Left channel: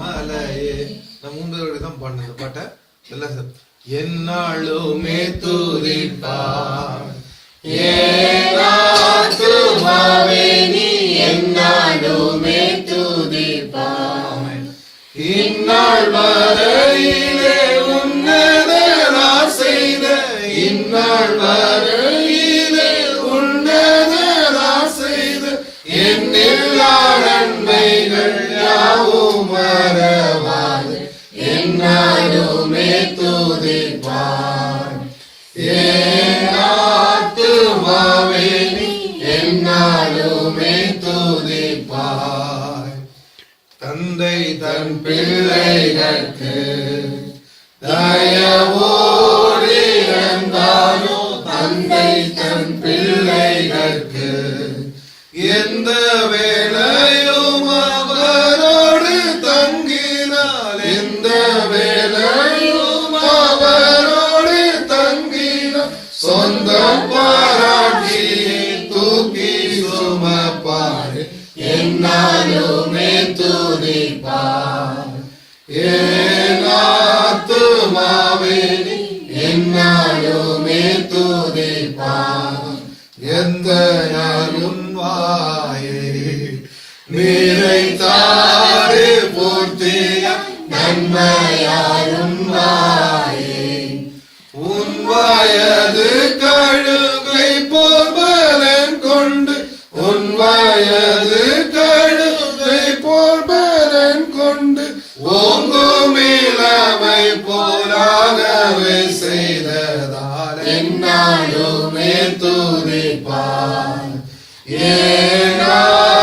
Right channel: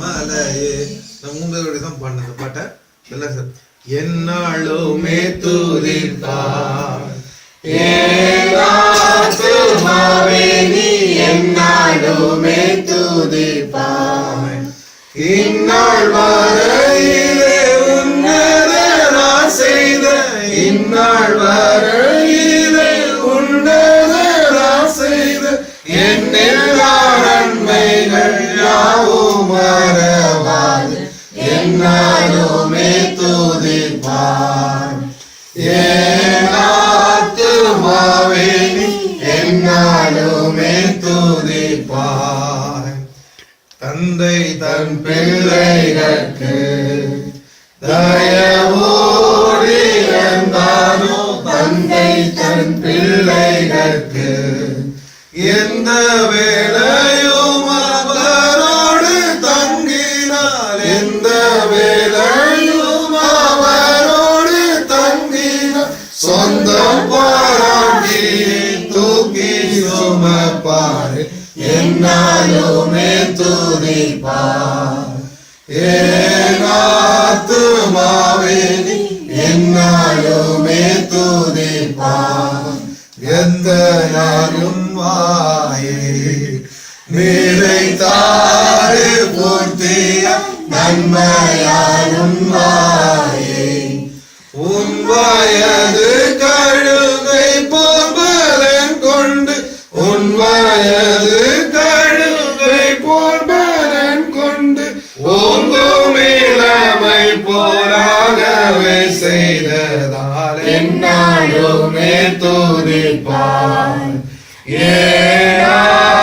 மலையே. நான் 3 வரை தான் பாடின பாட்டை எல்லாம் சார். என்னாலுமே துதிப்பார் என்னாலுமே துதிப்பார். இந்நாள் வரையிலே உன்னதரா செய்த இந்நாள் வரையிலே உன்னதரா செய்த என் எல்லா நன்மைகள் யாவும் மறவாது என்னாலுமே துதிப்பார். ஆத்துமாவே என்னாலுமே துதிப்பார். தந்தை தன் பிள்ளைகளுக்கு தயவோடு இருந்தானோ தந்தை தன் பிள்ளைகளுக்கு எந்த வேளையும் அவரோடு தங்கினார் எந்த வேளையும் அவரோடு தங்கினார் சொந்தம் பாராட்டி தூக்கி சுமப்பார் என்னாலுமே துதிப்பார். ஆத்துமாவே என்னாலுமே துதிப்பார். எந்த நாளும் வாயே நிறைத்தாறு போற்றிய நன்மையாரும் வாயே உன் வயது கழுவை போர்பலன் கொண்டு உன் வயது கழுவை போர்பலன் கொண்டு ஓங்கும் இளமை போராகவே செய்ததால் என்னாலுமே துதிப்பார்.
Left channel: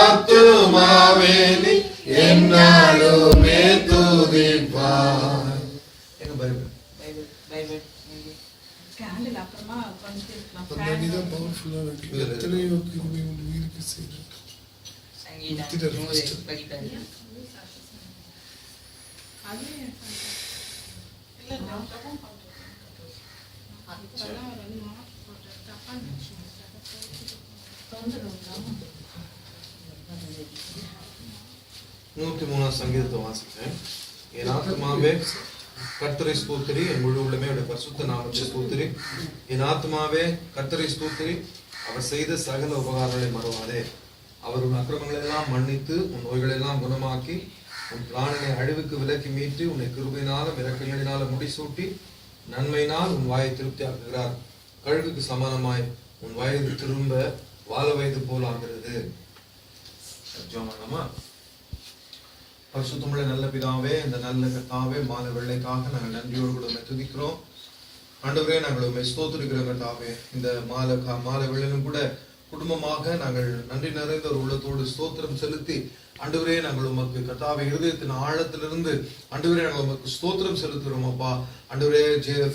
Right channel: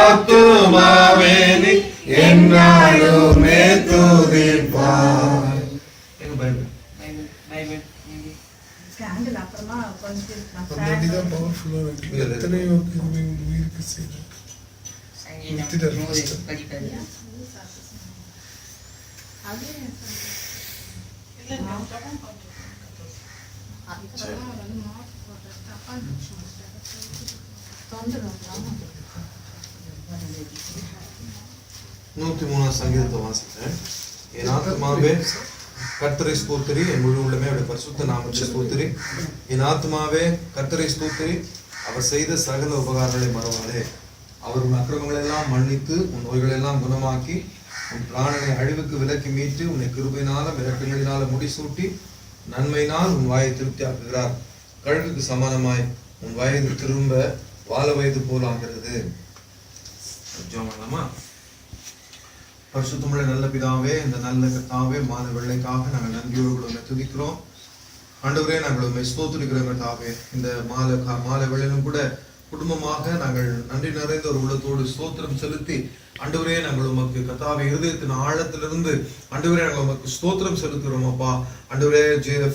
ஆத்துமாவே என்னாலுமே துதிப்பார். எங்க பைபிள் கேண்டில் அப்புறமா கொஞ்சம் தான் பவர்ஃபுல்லா இருக்கு. எத்தனையோ கிருபை உன் உயிருக்கு செய்து நூற்றி 3 சங்கீதத்தை வாசிக்கிறேன். என் ஆத்மாவே கர்த்தரை ஸ்தோத்திரி, என் முழு உள்ளமே அவருடைய பரிசுத்த நாமத்தை ஸ்தோத்திரி. என் ஆத்மாவே கர்த்தரை ஸ்தோத்திரி, அவர் செய்த சகல உபகாரங்களை மறவாதே. அவர் உன் அக்கிரமங்களை எல்லாம் மன்னித்து உன் நோய்களை எல்லாம் குணமாக்கி உன் பிராணனை அழிவுக்கு விலக்கி மீட்டு உன்னை கிருபையினாலும் இரக்கங்களினால முடிசூட்டி நன்மையினால் உன் வாயை திருப்தி ஆக்குகிறார். கழுகுக்கு சமானமாய் உன் வயது திரும்ப வாழ வயது போல் ஆகிறது. பரிசுத்தமுள்ள நல்ல பிதாவே, இந்த நல்ல கர்த்தாவே, மாத வெள்ளைக்காக நாங்கள் நன்றியோடு கூட உண்மை துதிக்கிறோம். ஆண்டவரே, நாங்கள் உண்மை ஸ்தோத்திரிக்கிறோம் கர்த்தாவே. இந்த மாலை வெள்ளையிலும் கூட குடும்பமாக நாங்கள் நன்றி நிறைந்த ஒரு உள்ளத்தோடு ஸ்தோத்திரம் செலுத்தி ஆண்டவரே, நாங்கள் உமக்கு கர்த்தாவே இருதயத்தின் ஆழத்திலிருந்து ஆண்டவரே நாங்கள் உமக்கு ஸ்தோத்திரம் செலுத்துகிறோம் அப்பா. ஆண்டவரே,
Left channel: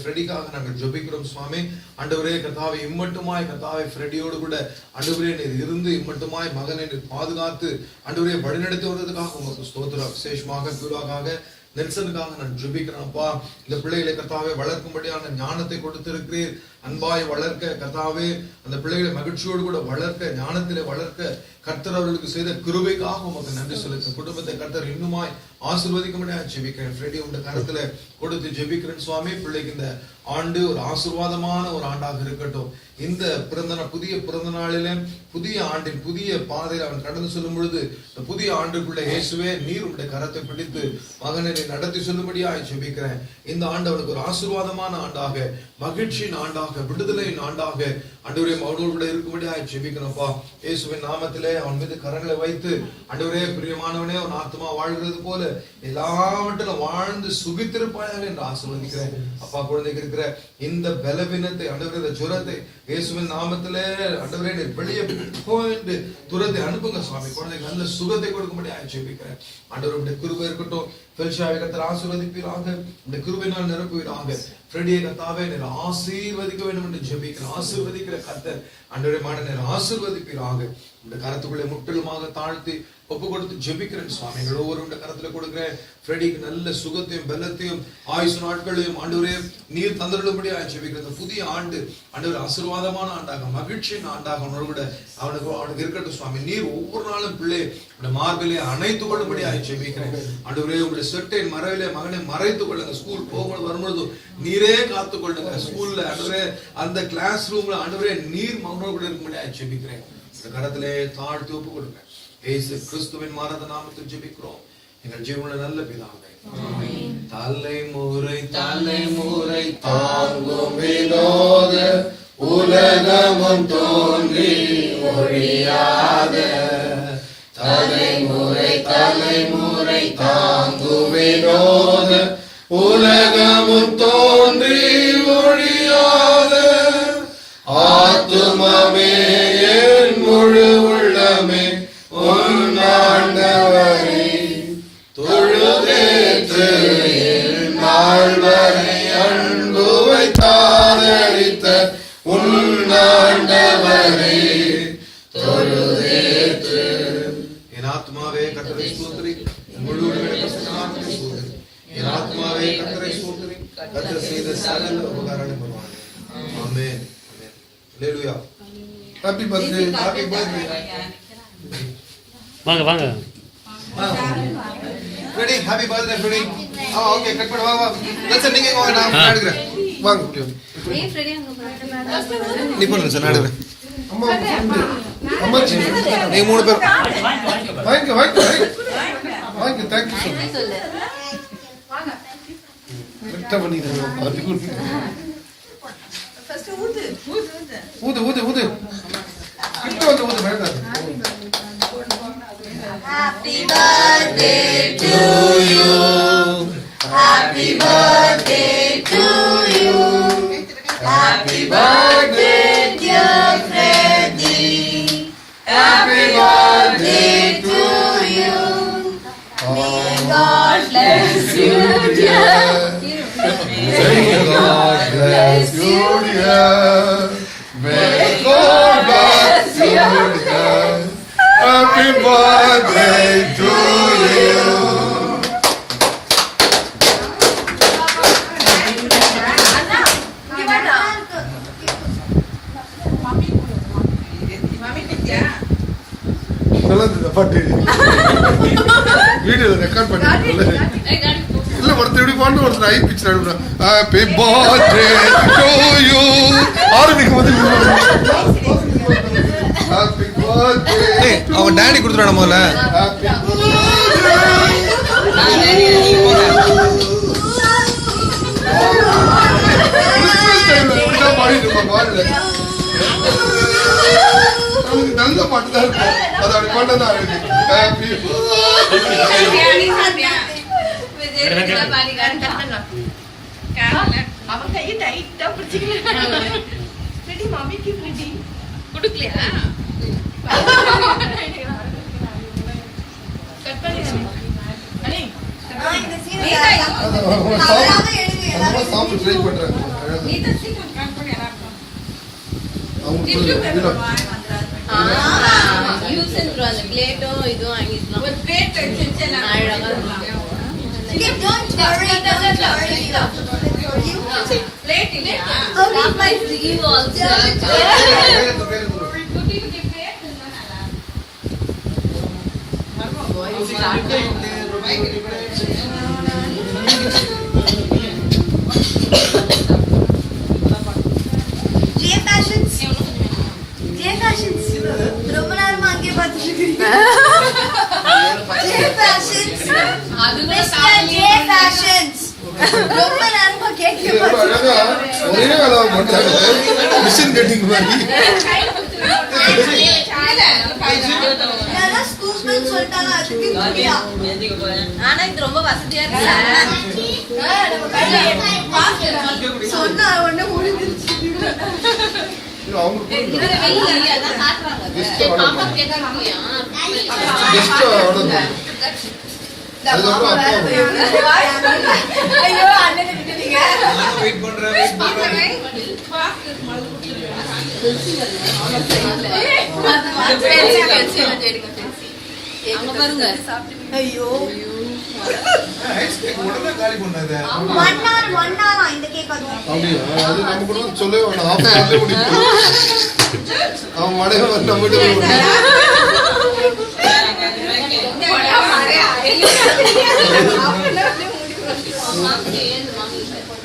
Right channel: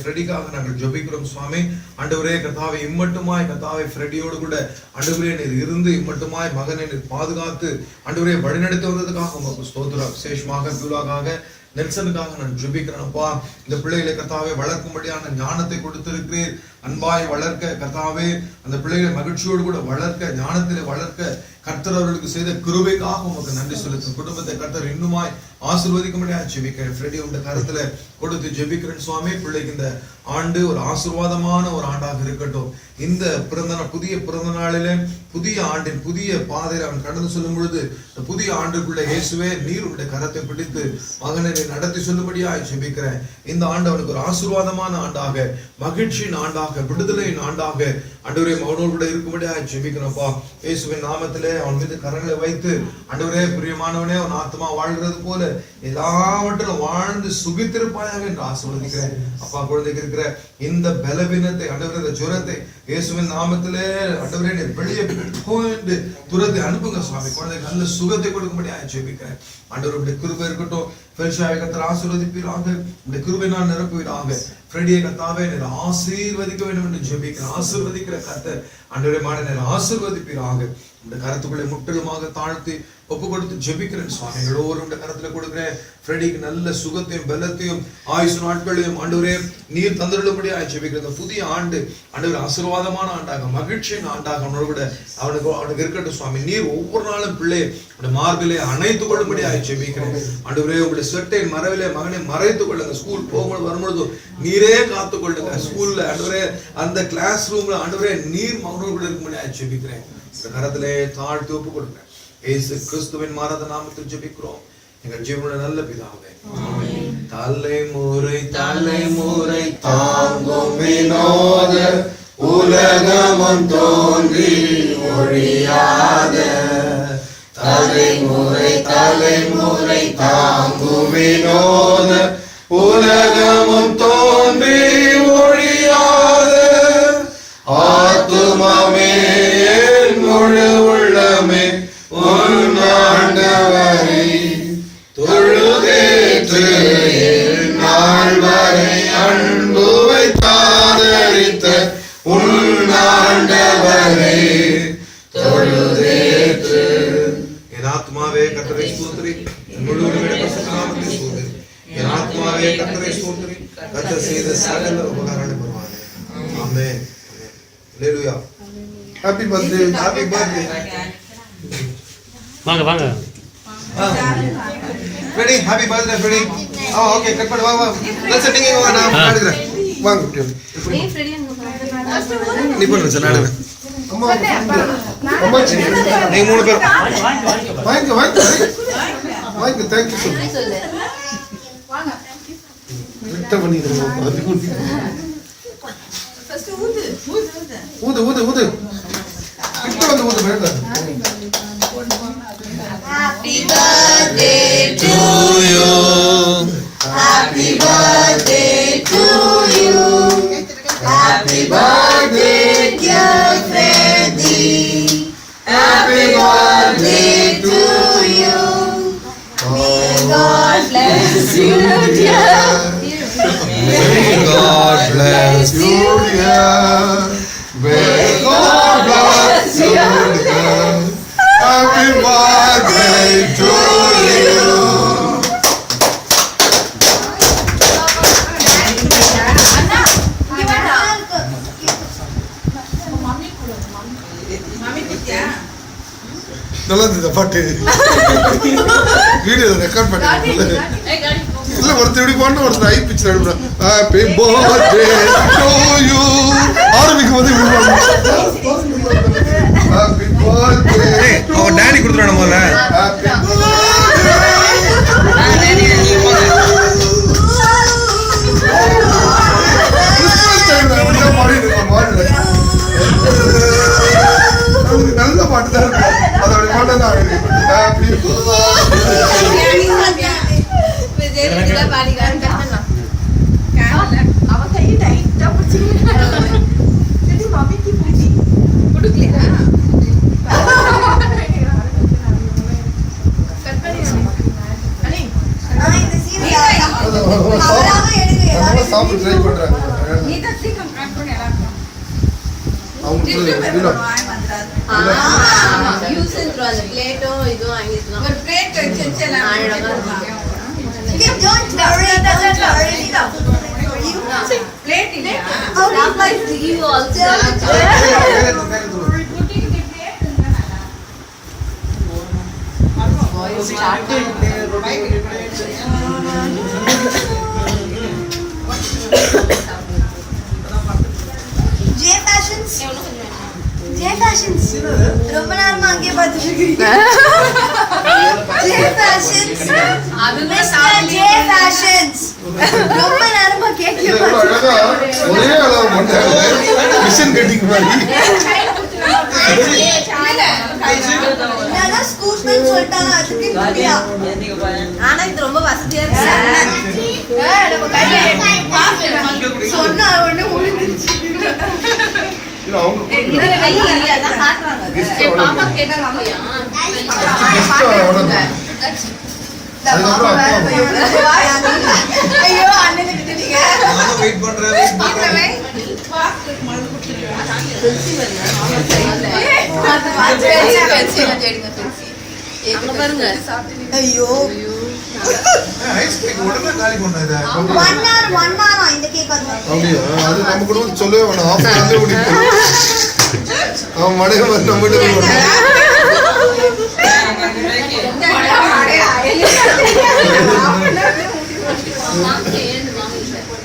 ஃப்ரெடிக்காக நாங்கள் ஜெபிக்கிறோம் சுவாமி. ஆண்டவரே கர்த்தாவே, இம்மட்டுமாய் கர்த்தாவே ஃப்ரெடியோடு கூட ஆண்டவரே நீர் இருந்து இம்மட்டுமாய் மகனை நீர் பாதுகாத்து ஆண்டவரே வழிநடத்தி வந்ததுக்காக உமக்கு ஸ்தோத்திரம். விசேஷமாக பியூலாக்காக நெல்சனுக்காக நான் ஜெபிக்கிறேன் அப்பா. இந்த பிள்ளைகளை கர்த்தாவே வளர்க்கும்படியான ஞானத்தை கொடுத்திருக்கிறீர். அன்பாய் வளர்க்க கர்த்தாவே, அந்த பிள்ளைகளை மகிழ்ச்சியோடு கூட வளர்க்க, ஞானத்திலே வளர்க்க கர்த்தர் அவர்களுக்கு செய்த கிருபைக்காக உமக்கு நன்றி செலுத்தும். குடும்பத்தை கர்த்தர் இன்னுமாய் ஆசீர்வதிக்க முடியாது ஜெபிக்கிறேன். ஃப்ரெடி உங்க கருத்துல கொடுத்து ஜெபிக்கிறேன் சுவாமி. பிள்ளைக்கு இந்த ஆண்டு ஒரு ஆசீர்வாதமான ஒரு ஆண்டாக இருக்கட்டும். இந்த புதிய பிறந்த நாளிலே புதிய ஆண்டின் புதிய பாதையில் அவன் கடந்து சொல்லும் பொழுது இந்த புதிய ஆண்டுக்குள்ள இயேசுவே நீர் உடைய கரத்தை பிடித்து மகனை நடத்தி சொல்லும்படியா ஜெபிக்கிறேன். இந்த ஆண்டு அவனுக்கு ஒரு ஆசீர்வாதமான ஆண்டாக, மகிழ்ச்சியின் ஆண்டாக, விடுதலையின் ஆண்டாக ஆண்டவரே அவனோடு கூட இருக்கும்படியா ஜெபிக்கிறப்பா. இயேசுவின் நாமத்திலே அவன் மீது கரங்களை வைத்து ஆண்டவரே பிரியமானவனே, அவன் ஆத்மா வாழ்கிறது போல எல்லாவற்றிலும் வாழ்ந்து சுகித்திருப்பாயாக என்று ஆசீர்வதிக்கிறேன் அப்பா. குழந்தைக்கு இருக்கிற இந்த பலவீனத்தை ஆண்டவரே, இந்த ஜுரத்தை இயேசுவின் நாமத்திலே ஆண்டவரே நீர் வெளியே என்று துரத்தை அனுப்புங்க சுவாமி. குழந்தைக்கு நல்ல சுகத்தை கொடுக்கும்படியா ஜெபிக்கிறேன். ஆண்டவருடைய கிருபை இருக்கட்டும். பெல்ஷாவை கர்த்தர் ஆசீர்வதிப்பீராக, இந்த கிருபையினால் நிரப்புவீராக. ஃப்ரெடியை கர்த்தாவே நீர் ஆசீர்வதிக்க வேண்டும் என்று ஜெபிக்கிறேன். ஆசீர்வதிக்கிற கர்த்தர் ஆண்டவரே மாட நீர் ஆசீர்வதிப்பீராக. இந்த கரத்துக்குள்ளே முற்றிலுமாக தாழ்த்தி ஒப்பு கொடுத்து ஜெபிக்கிறேன் சுவாமி. எங்கள் ஒவ்வொரு கரத்துல கொடுக்கிறேன். ஃப்ரெடிக்கு நல்ல சுகத்தையும் பலத்தையும் ஆயுசு நாட்களையும் ஆண்டவரே நீர் தந்துள்ளபடியா ஜெபிக்கிறேன். இந்த புதிய ஆண்டு ஆண்டவர் ஆசீர்வாதமான ஆண்டாக மகிழ்ச்சியின் ஆண்டாக அவனுக்கு இருக்கட்டும் சுவாமி. நீர் ஒவ்வொரு நாளும் பிள்ளை மார்பிலே அணைத்துக் கொள்ளும்படியா ஜெபிக்கிறேன். ஆண்டவரே உங்களுடைய சொட்டை மறைவிலே மகனை மறைத்துக் கொள்ளுங்க. ஸ்கூல் போகும்போது வரும்பொழுது நீரே காத்துக் கொள்ளுங்க. ஸ்கூல்ல ஆண்டவரே அந்த கிளாஸ் ரூம்ல ஆண்டவரே நீர் மகனோடு கூட இருக்கும்படியா ஜெபிக்கிறேன். கரத்திலே தாழ்த்தி ஒப்பு கொடுங்க. இயேசு கிறிஸ்துவின் மாறாத நாமத்தில் ஜெபிக்கிறோம் எங்கள் ஜீவனுடைய நல்ல பிதாவே. தலைமுறை தலைமுறை தாங்கும் வினோத உலகமும் தோன்றி ஒழியாத தலைமுறை தலைமுறை தாங்கும் வினோத உலகமும் தோன்றி ஒழியாத ஆத்துமமே என் முழு உள்ளமே உன் ஆண்டவரை தொழுதேற்று நாள் வரை அன்பு வைத்தாதரித்த உன் ஆண்டவரை தொழுதேற்று. என் ஆத்மாவே கர்த்தரை ஸ்தோத்திரி, முழு நாமத்தை ஸ்தோத்திரி. என் ஆத்மாவே கர்த்தரை ஸ்தோத்திரி, கர்த்தர் செய்த சகல உபகாரங்களை பெறுவாங்க. Amen. Hallelujah. Happy birthday. Happy birthday. வாங்க வாங்க. Ready. Happy birthday Freddy. Okay cut பண்ணு. வாங்க வாங்க. லெட்ஸ் நீங்க வாங்க. நான் எடுக்கிறேன். வாங்க ஃப்ரெடி. நீ போடு சார். நான் அம்மா அம்மா நீங்க மூணு பேர் வாங்க வாங்க வாங்க. Thank you sir. வாங்க. கிட்ட பண்ணிடுங்க. ஃபர்ஸ்ட் ஊது ஊது ஊது ஊது. கிட்ட வந்து ஊது வேண்டாம். Happy birthday to you. Happy birthday to you. Happy birthday dear Freddy. Happy birthday to you. May God bless you dear. May God bless you dear. May God bless you dear. Happy birthday to you. நல்லா இருந்தது பாட்டு. வீடியோல record பண்ணி இல்ல ஒருத்தர் இப்படி போட்டு ஒருத்தர் ஐ பிக்சர் எடுக்கணும். ஹாப்பி பர்த்டே டு யூ ஆரம்பிக்கும் போது ஹாப்பி பர்த்டே. அவன் டாடி கொடுத்துறான முதல்ல. ஹாப்பி நல்ல பாட்டு தான் இருக்கும். அதோட பாட்டு தான் ஹாப்பி அவன் கையை டைட்டா பிடிச்சிருக்கான். மம்மிக்கு பூஜி கொடுக்கலையா? சாப்பிட்டு ட்ரை பண்றாங்க. ரொம்ப நேரமா அங்கே பார்த்துட்டு இருக்கீங்க. ரொம்ப நேரமா கேட்க ஒரே அளவு பண்றாங்க. மிஷன் கட்டிங் மாதிரி. ஸ்கூல்மென் சொல்லிட்டாங்க. அதுக்கு புரியா. ஆனா இது ரொம்ப வசதியா இருக்கு. சொன்னா உடனே முடிஞ்சிருச்சு. ஐயோ அண்ணன் கிட்ட நீங்க வெயிட் பண்றேன். ஐயோ ஐஸ் கேக் உடனே காலி பண்ணாத. இந்த கேக் அப்படியா? அது நம்ம கூட வந்து சொல்லவே வேணாம். half an hour முடிக்கும். அவன் மடையில வந்து நம்ம கிட்ட வருவான்.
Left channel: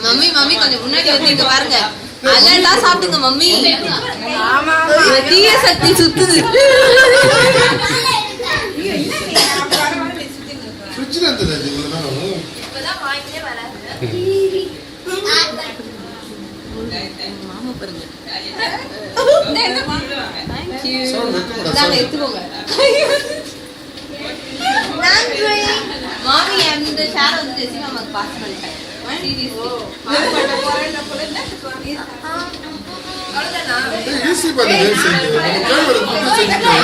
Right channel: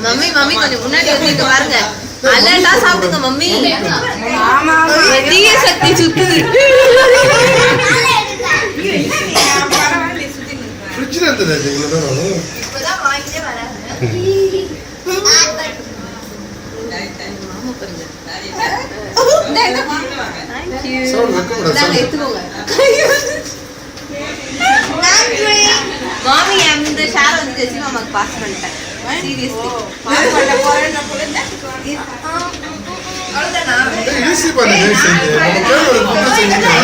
மம்மி மம்மி கொஞ்சம் முன்னாடி வந்து இங்க பாருங்க. அலர்ட்டா சாப்பிடுங்க மம்மி. தீய சக்தி சுத்துது. ஃப்ரிட்ஜ்ல இருந்தது அது இவ்வளவு நேரம். இப்பதான் வாங்கிட்டே வராங்க. சவுண்ட் வைக்க கூடாது. சவுண்ட். மாமி அந்த ஷேர் வந்து ஜெசி மாமாக்கு பாஸ் பண்ணிட்டேன். சீரியஸ்லி. ஈஸி பண்ணி செஞ்சு. நம்ம பேர் ஒரு புக்கு செஞ்சு.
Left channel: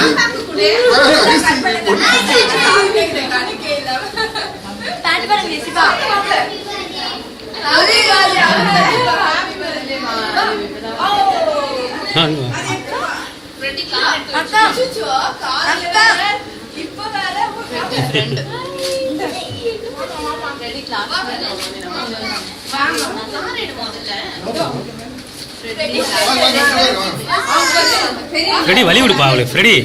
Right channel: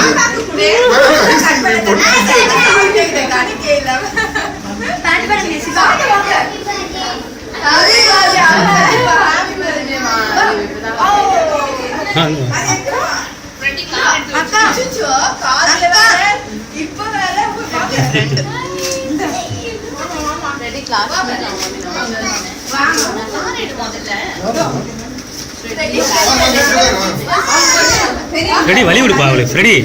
ஃப்ரெடி வழி விடுப்பா அவளுக்கு ஃப்ரெடி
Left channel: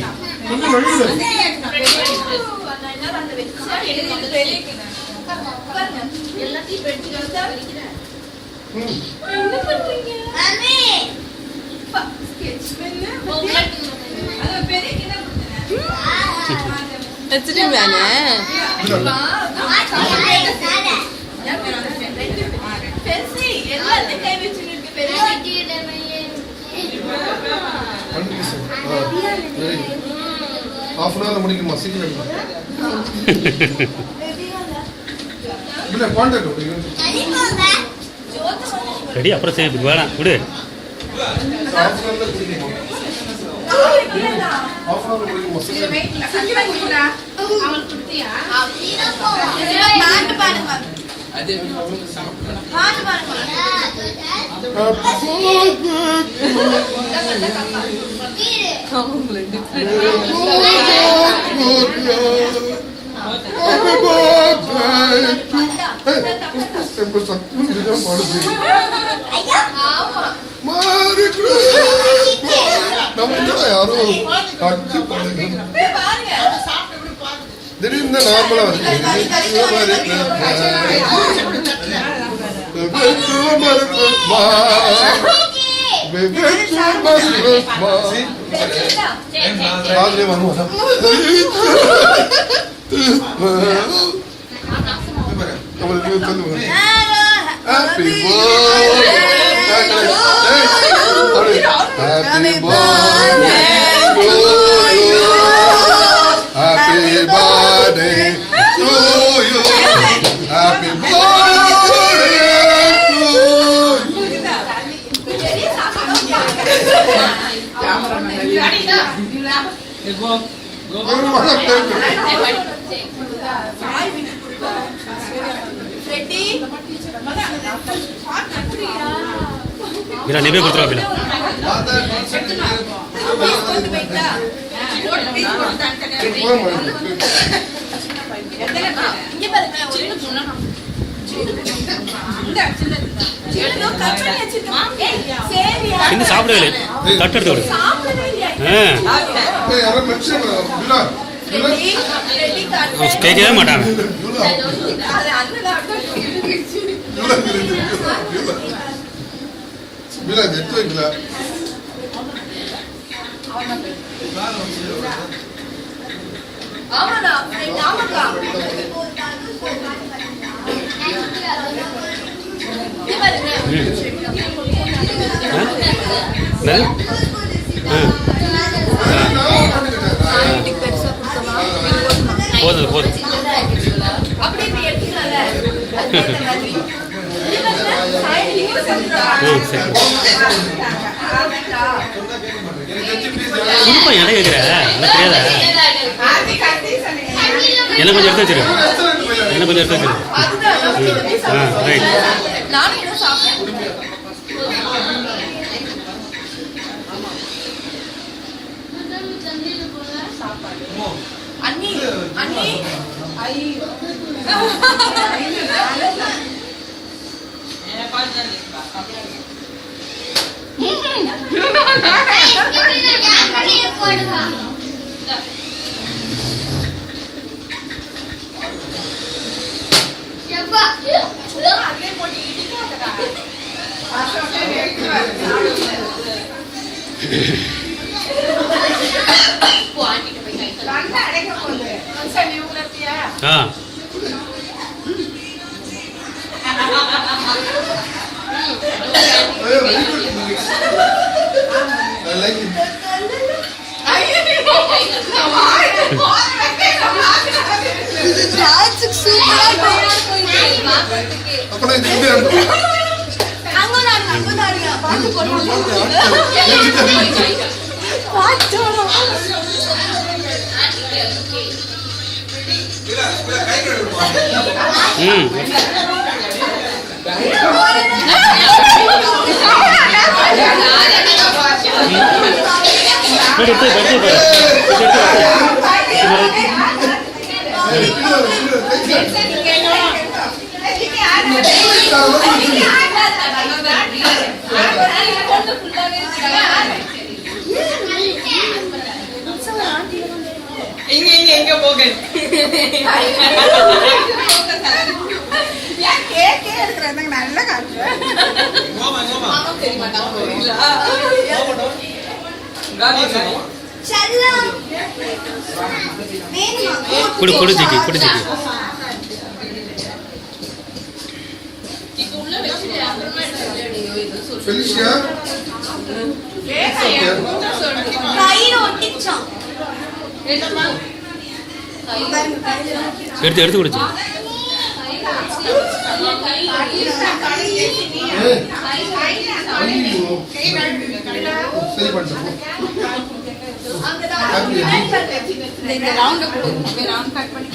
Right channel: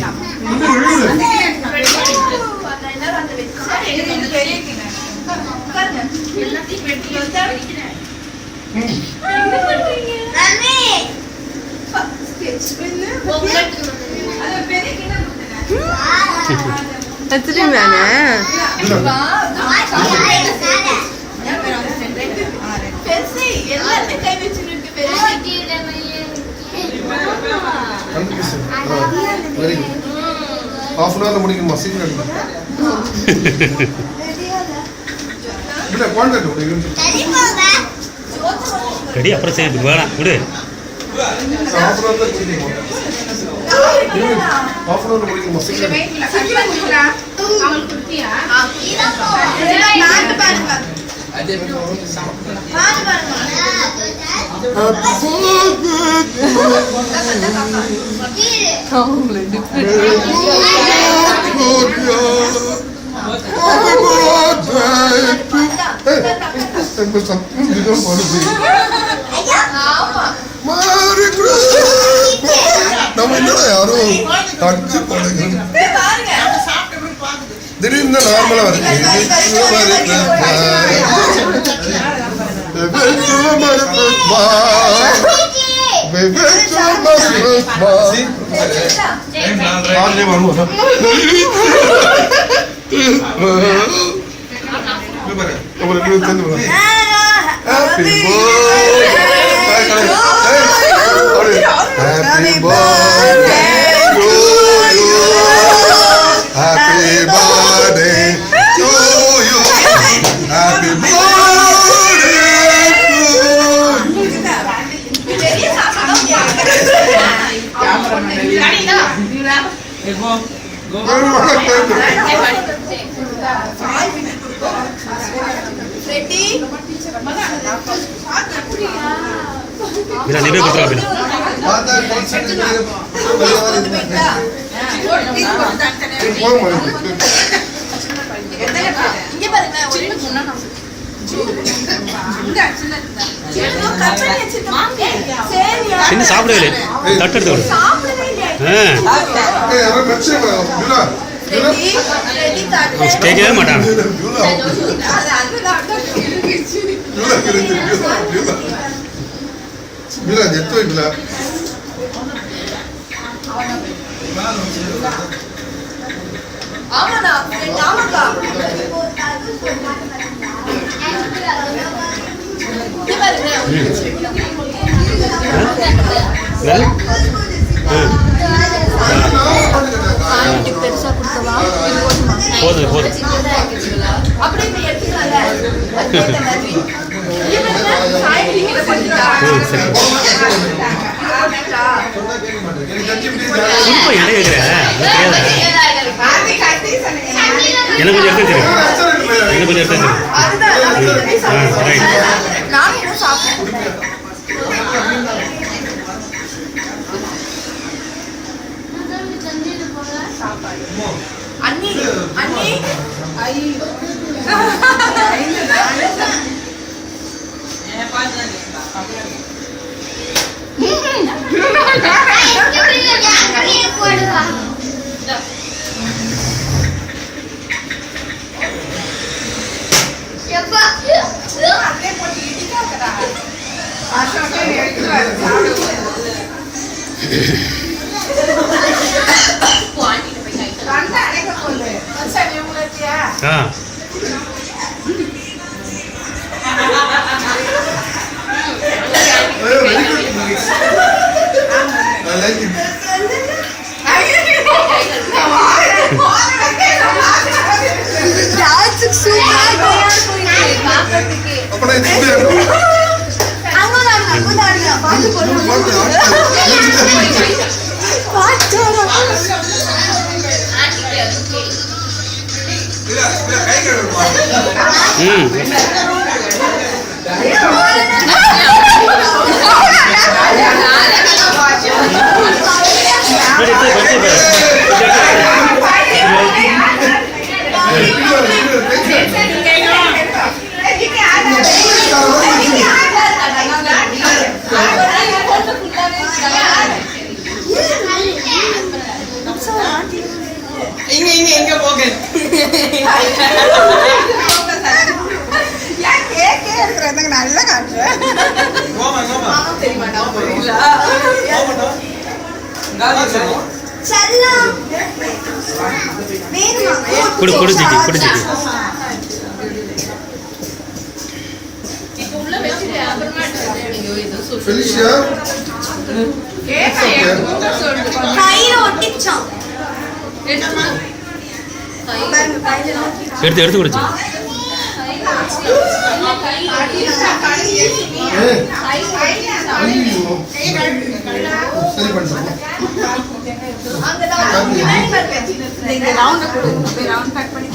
half an hour முடிக்குமா? சீக்கிரம் இல்ல கான்டாக்ட் ரெடி அப்புறம் செய்யறதுக்கு வேணாம் விடு half an hour முடிக்குமா? half an hour முடிக்குமா? சீக்கிரம் நம்ம என்னடா யாரும் அடிச்சு போடுங்க திடீர்னு நார்மலா வருது வருவோம் Happy birthday to you. Happy birthday to you. Happy birthday to Meera நீவே கொடுத்துருவா இன்னும் சாப்பிடவே இல்லை தட்டு எடுத்து கேட்கவே மாட்டாங்க போதும் போதும் குடுப்பா இடம் இருக்கிற எனக்கு கொஞ்சம் எடுத்து வச்சிரு எனக்கு கொஞ்சம் எடுத்து வச்சிரு ரைட் ஆ Very good. I like it. அப்பனா இது எப்படி இருக்கும்? இங்க போக நல்லா காட்டுறேன் குடு குடு ஜிக்கி குடு ஜிக்கி Felicia. எடுத்து எடுத்து குடிச்சு சரி பண்ணிட்டோம்.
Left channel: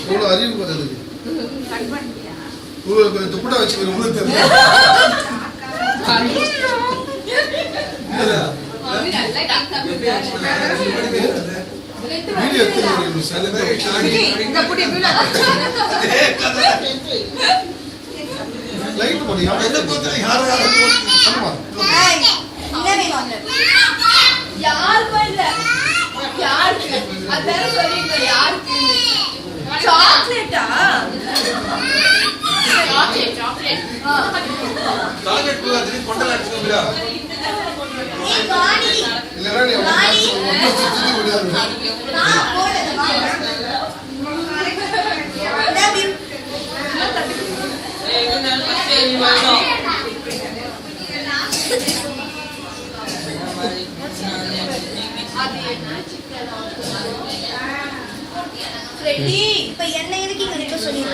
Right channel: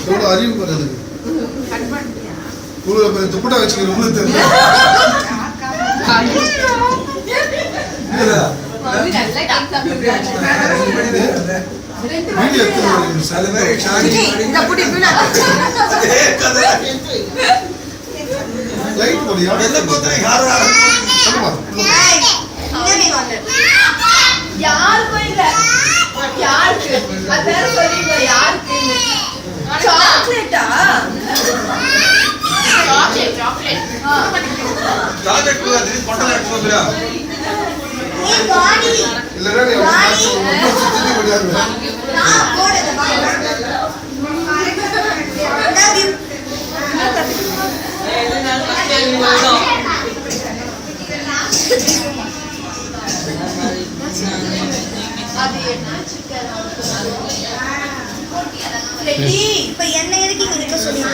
எவ்வளோ அறிவு வருது. இவ்வளோ பெரிய துப்புட்டா வச்சுக்கிறோம்னு தெரியல. வீடியோ லைட் போடியா இல்லைன்னா நீ சுற்றி முடியாது. இப்ப என்ன எதுக்கு இங்க நிக்க சொன்னீங்க?